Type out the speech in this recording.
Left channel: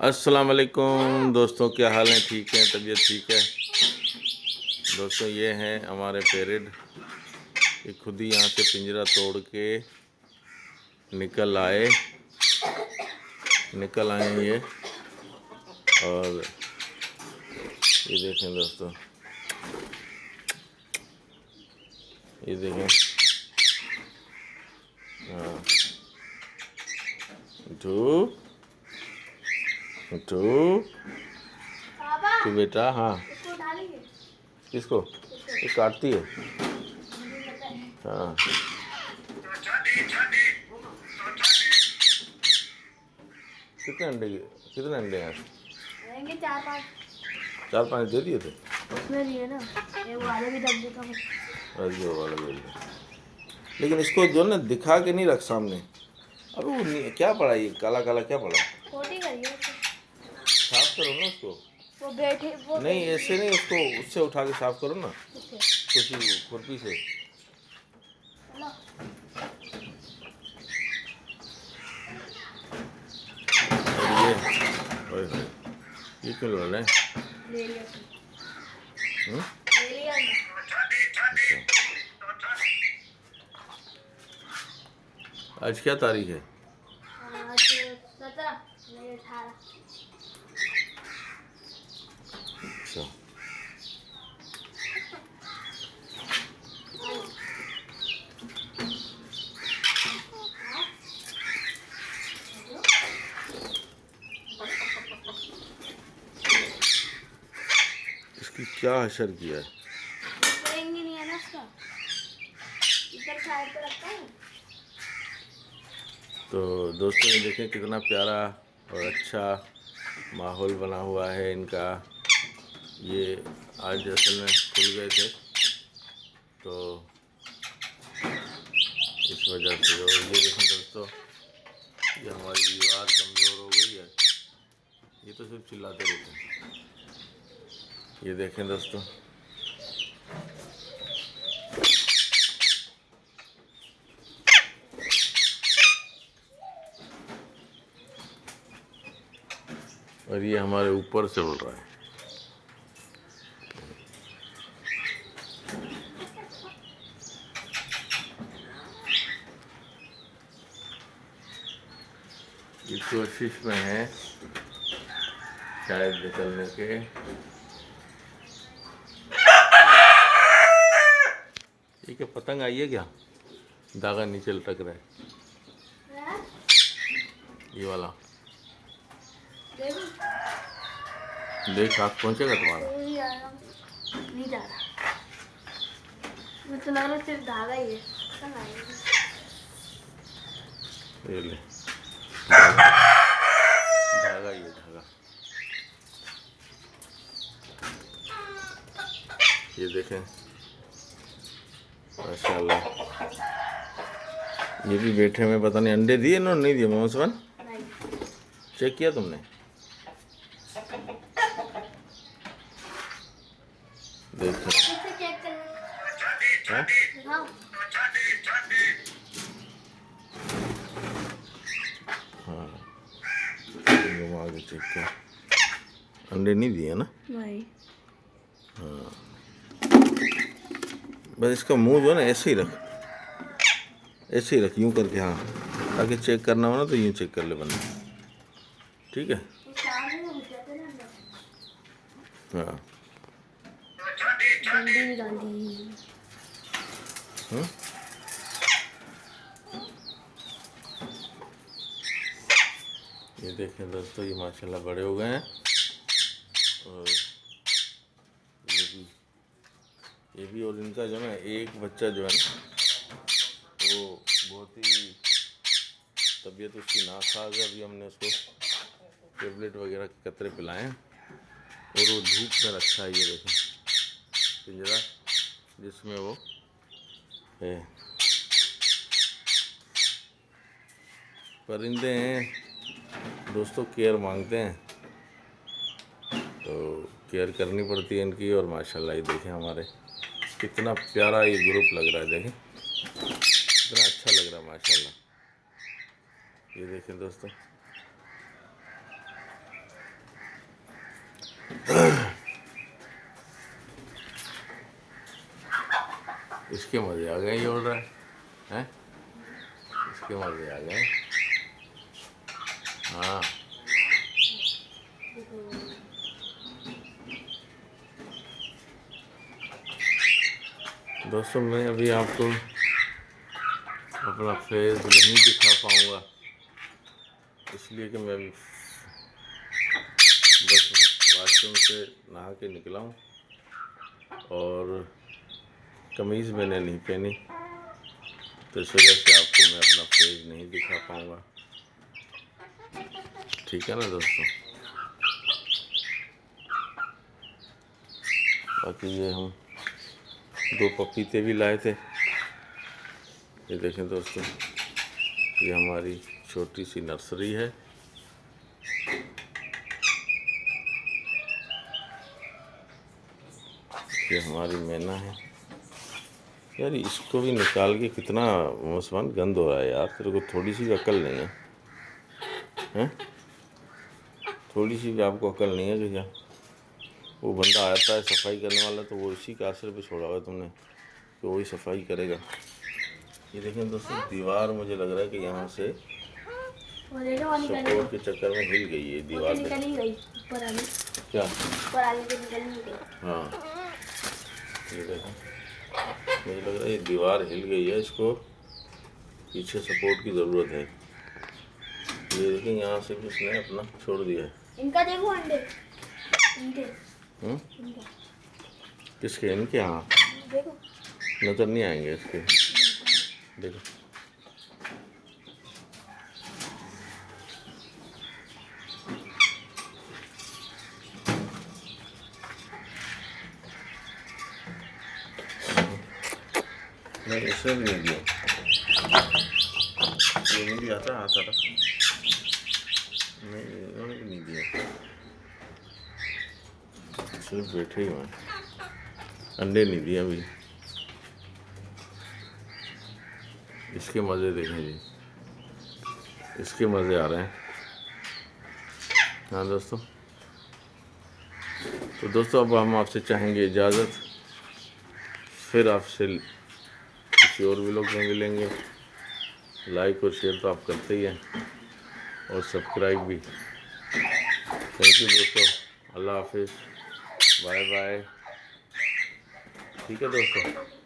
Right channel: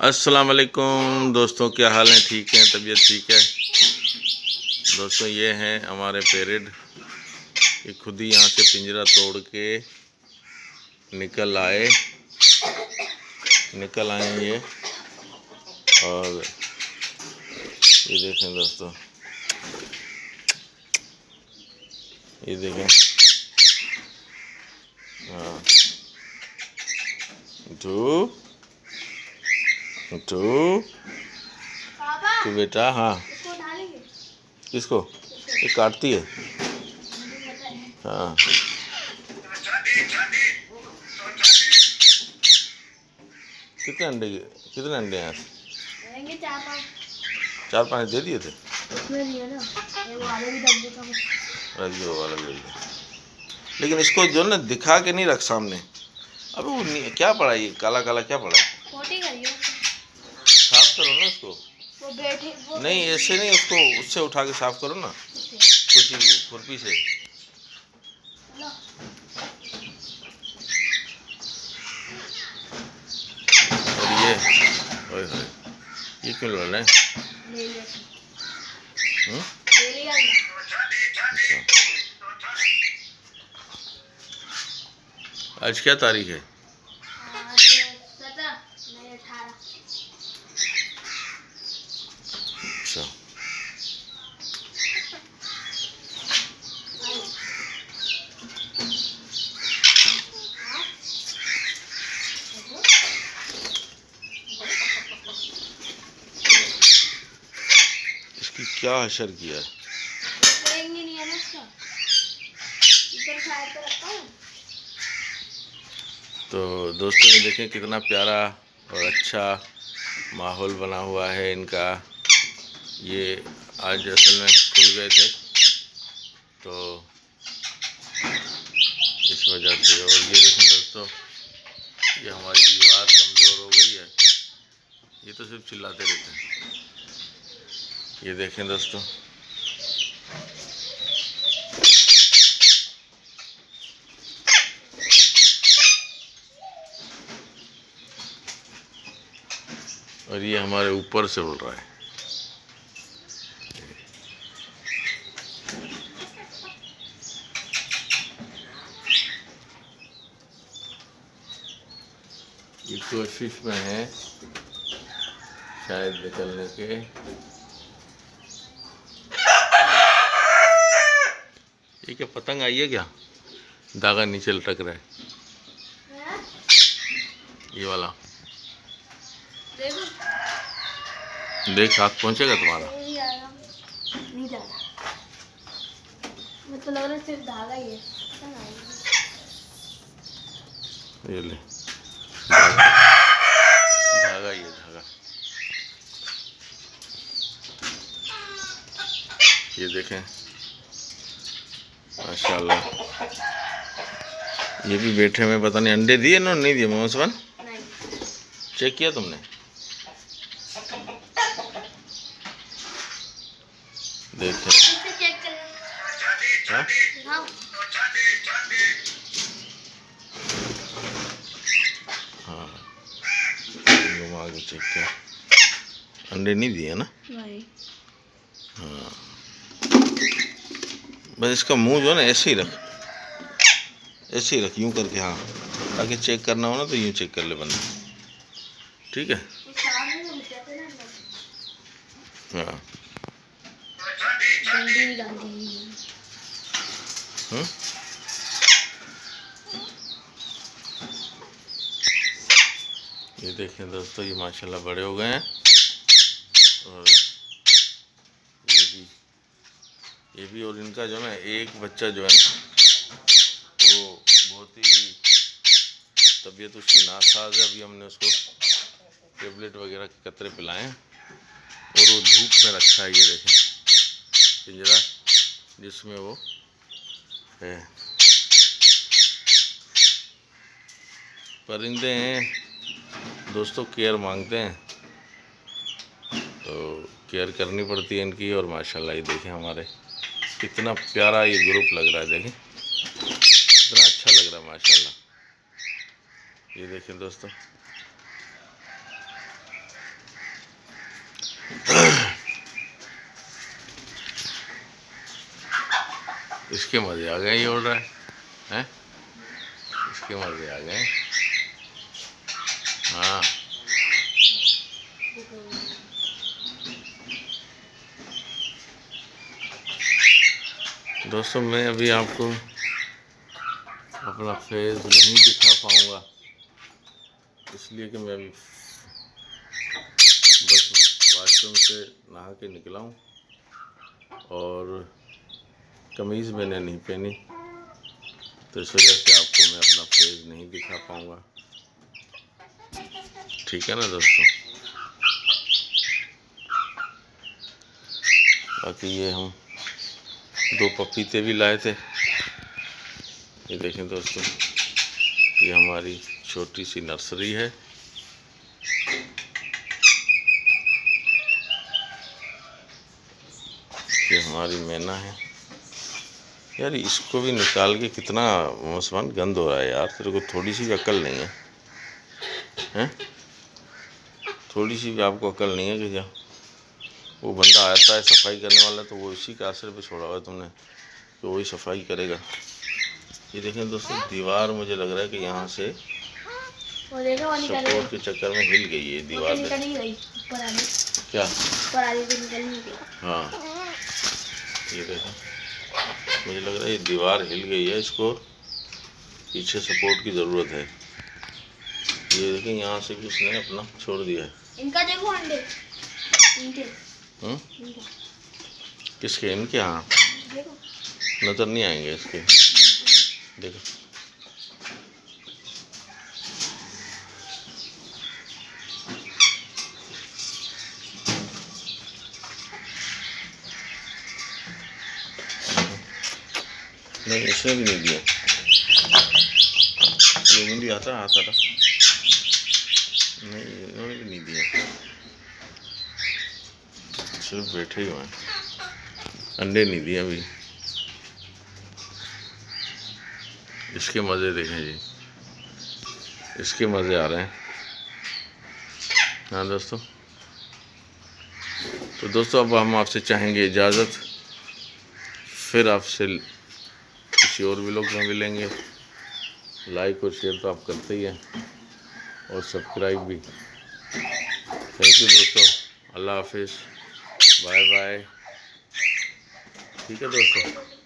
अस्सलाम वालेकुम दोस्तों, क्या हाल है? ठीक है, तबीयत ठीक है दोस्तों। ये हैं हमारे पेरेड, ये खुद ही यहाँ से पिंजरा तोड़ के निकल आए ये। और ये देखें दोस्तों, ये देखें। हाँ, तू बेटा। हाँ, किसको? ये काटती है। हाँ, कितने अंडे हैं? चार पाँच दे दिए थे। उसमें दिए ना, वो वाला भी दब देता हूँ। अरे वो वाला दे दिया, लेकिन इसको जो ना दिखा के नहीं रख सामने। अबे वो क्या पड़ा, ये काला काला क्या पड़ा? पोटी करिए, साफ करो ना उसको। वो बैठे वो नहीं, ऐसे नहीं, उसको उससे उठा के साफ करो ना, किसी खुरपी से। और ये ओए होए, ये क्यों लड़ रहे हैं? ले लिया हम्म? ले लिया अच्छा, आज क्या तारीख है? आज 17 नहीं 18। अच्छा, इसकी क्या असर किया? करेंगे नहीं है ना उसका, इधर साइड पे रखता हूँ। तो दोस्तों, ये देखें कितना प्यारा और अच्छा माहौल बना हुआ है इनका। ये आज असल में खुल गए थे, तो इस वजह से। और ये देखें दोस्तों, ये हमारी दीवार कमज़ोर हो गई है, ये तो सिर्फ चिल्लाते रहते हैं। ये देखें दोस्तों, और ये हमारे ऊपर से उड़ रहा है। ये कोशिश में है शायद निकलने के। ये क्या पतंग आई है क्या? धागा नीचे लटक रहा है, ये वाला। देखो देख, हाथ पहुंचेगा तुम्हारा। नहीं आया, नहीं जा रहा, मुझे तो लग रहा है सिर्फ धागा ही है। ये ले, धागा, धागा ये धागा। ये देखें माशाल्लाह, ये भी बैठे में। पता नहीं अंडे दिए ना नहीं दिए मोहम्मद? नहीं चेक किया तुमने? देखें। चेक करना। हाँ, हाँ हाँ, घुमा के चेक किया, अंडे नहीं दिए ना। नहीं, हाँ, बस इसका मुंह जो है ना ऐसे ही रख, ऐसे ही रख, यूं करके। हाँ, ताकि चेक करना हो ना तो यूं चेक कर ले बंदा, ठीक है? हाँ। डंडी निकाल दी। ये देखें दोस्तों, ये माशाल्लाह बड़े हो गए हैं। और ये भी और इनका जो है एक बच्चा जो है ना, वो बहुत ही तबीयत उसकी नासाज है। अभी हमने उसको टेबलेट वगैरह के कतरे पिलाए हैं, और वो धूप में रखा है। ये देखें पिंजरा जिसमें वो है। परिंदे हैं दोस्तों, केयर मांगते हैं, तो केयर करनी पड़ती है इनकी। और माशाल्लाह ये देखें हमारे कितना प्यारा ये ग्रुप लग रहा है। देखें कितना अच्छा लग रहा है माशाल्लाह। ये देखें दोस्तों, इसके मज़े आ गए, ये उड़ रहा है हैं? इसके मज़े आ गए। हाँ दोस्तों, मैं अभी आपको अपना फेस नहीं दिखा पाऊँगा, इसलिए कि मैं अभी बस वॉशरूम से नहा के निकला हूँ और कमीज़ मैंने नहीं पहनी, तो इस वजह से आपको मैं अपना फेस नहीं दिखा पाऊँगा। ठीक है ना दोस्तों। बाकी ये हम 2 पपीते भी लाए थे। ये देखें दोस्तों, ये हमारी छोटी सी नर्सरी है। ये हमारी मैना है। यार इसको भी निकाल के कितना मुसलमान गंद हो रहा है यार, तेरे को थोड़ी सी भी अक्ल नहीं है हैं? थोड़ी सी भी आपको अक्ल नहीं है कि क्या? वो बंदा आता है सफाई करने वाला, तो वो इसी के आश्रय पे छोड़ा हुआ है तुमने कि वही सफाई करेगा। ये देखें दोस्तों, दीवार मुझे लग रहा है कि यहाँ से सपोर्ट के चक्कर में हिल गई है दीवार। क्या? हाँ ये देखें, मुझे लग रहा है ये दीवार हिल गई है, इसको पीछे सपोर्ट की ज़रूरत है। ये देखें, यहाँ से भी उसने अपना छोड़ दिया है। इनका देखो अंडे, किसके? इनके? हाँ नज़र नहीं आएंगे इसके। देखो नहीं, इसमें भी नहीं दिया, ये भी आता था नहीं, इन्होंने भी नहीं दिया, सिर्फ बैठे ही हुए हैं, अंडे नहीं दिए अभी। इसके मज़े देखें जी, इसके मज़े आ रहे हैं। हाँ दोस्तों, तो दोस्तों अब हम आपसे चाहेंगे इजाज़त, फिर आपसे किसी और व्लॉग में मिलेंगे। लाइक और शेयर तो आप करते ही हैं और सब्सक्राइब भी। थैंक यू दोस्तों, अल्लाह हाफिज़, बाय बाय। ठीक है दोस्तों।